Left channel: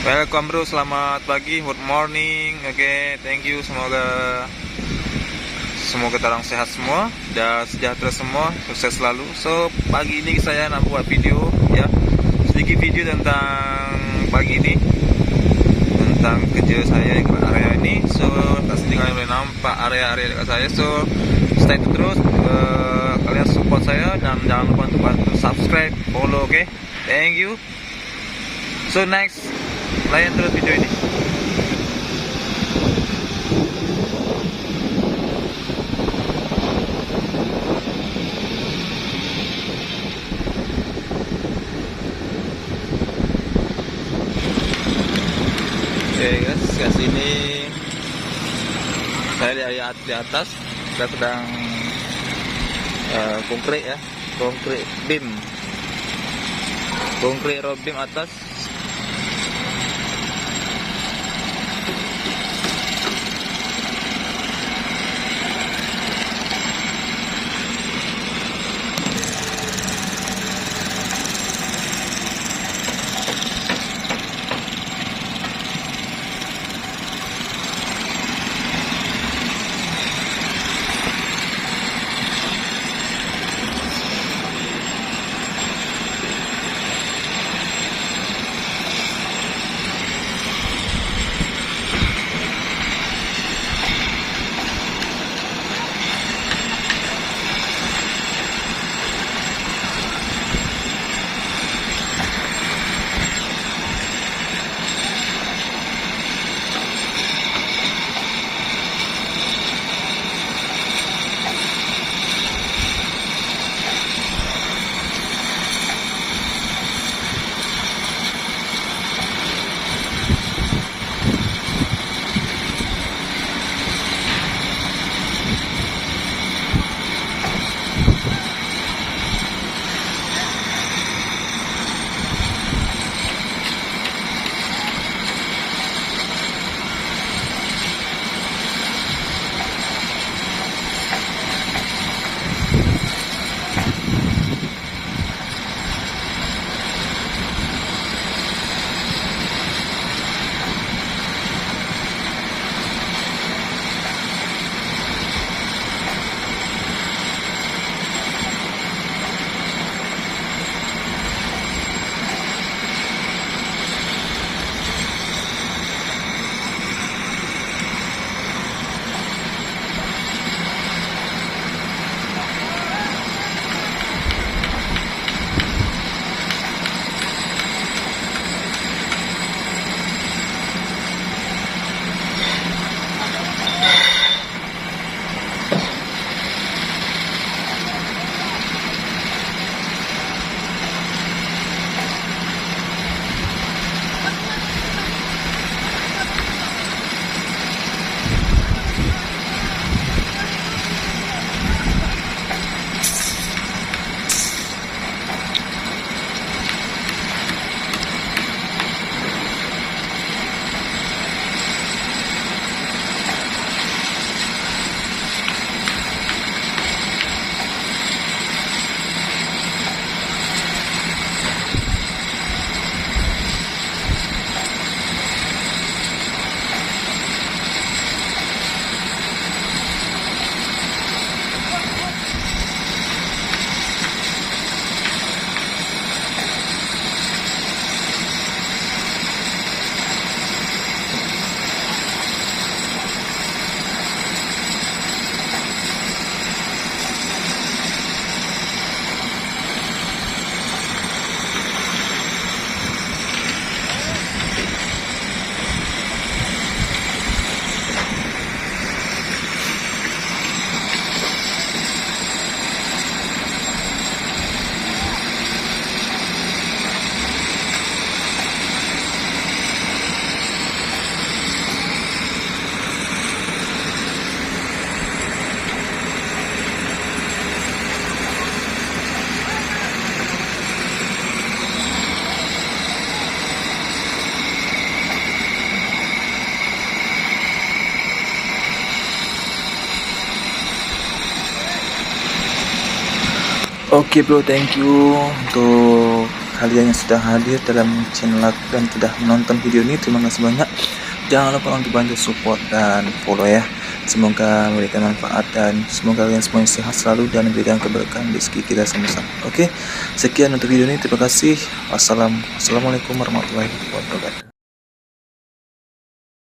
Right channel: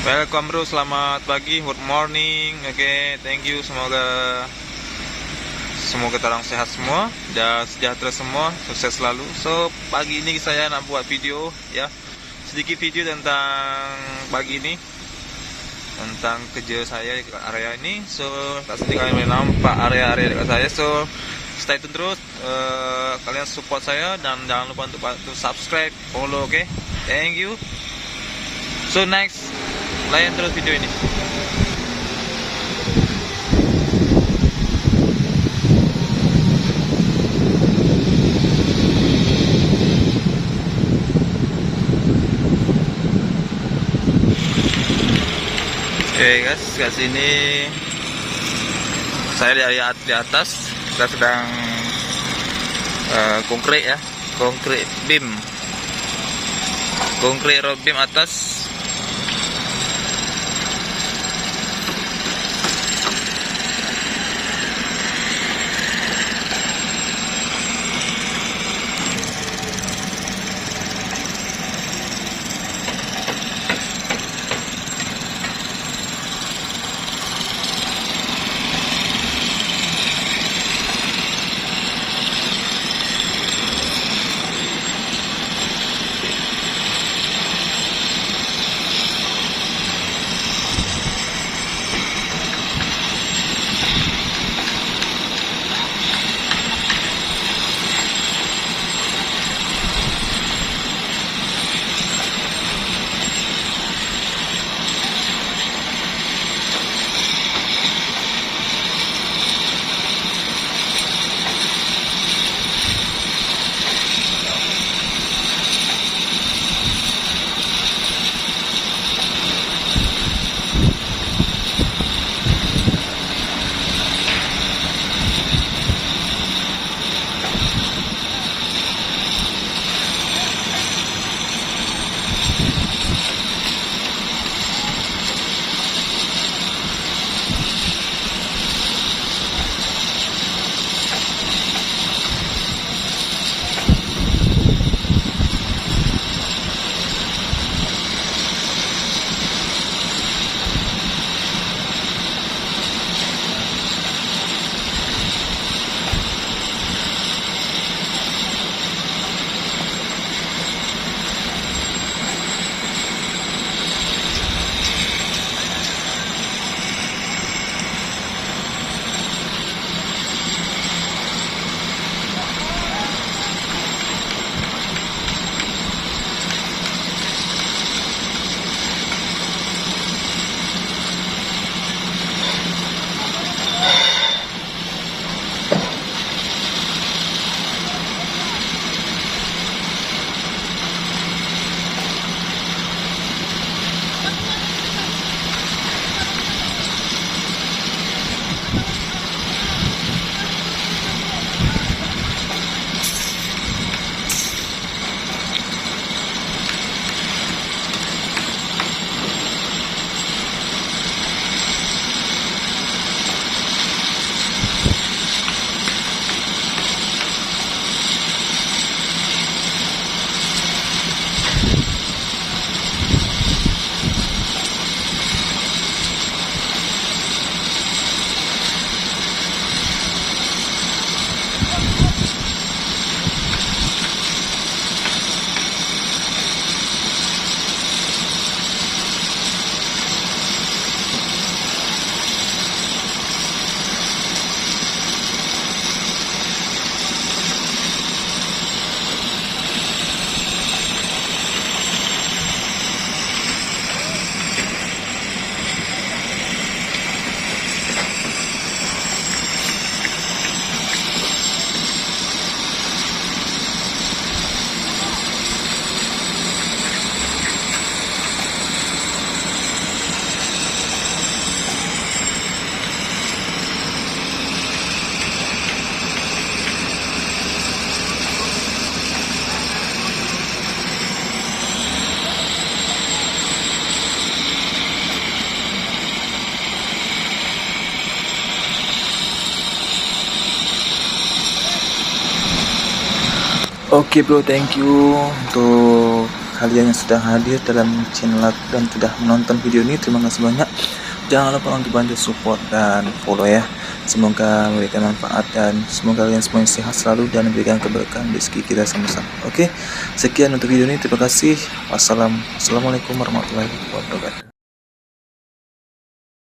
Welcome bro, selamat pagi, good morning. Oke, thank you. Semoga terang sehat semua dan sejahtera semua, sukses selalu. So, pagi ini saya nak buat video ya. Sedikit video tentang pagi ini, tentang kerja saya di area ini. So, kat sini kalian boleh nampak area-area dekat saya. So, stay tune terus. Kalian support saya dan jangan lupa untuk bantu subscribe, follow, oke? Thank you. So, next, layan terus video ini. Oke guys, ke sini saya di atas. Kita sedang konkret ya, konkret road beam atas. Oke bro, thank you untuk kalian yang sudah hadir dalam channel dan sudah menonton video ini. Terima kasih banyak. Jangan lupa untuk bantu support dan follow ya. Semoga memberikan manfaat dan semoga kalian semuanya sehat selalu dan memberikan keberkahan rezeki kita sama-sama. Oke, sekian untuk video ini. Terima kasih. Wassalamualaikum warahmatullahi wabarakatuh.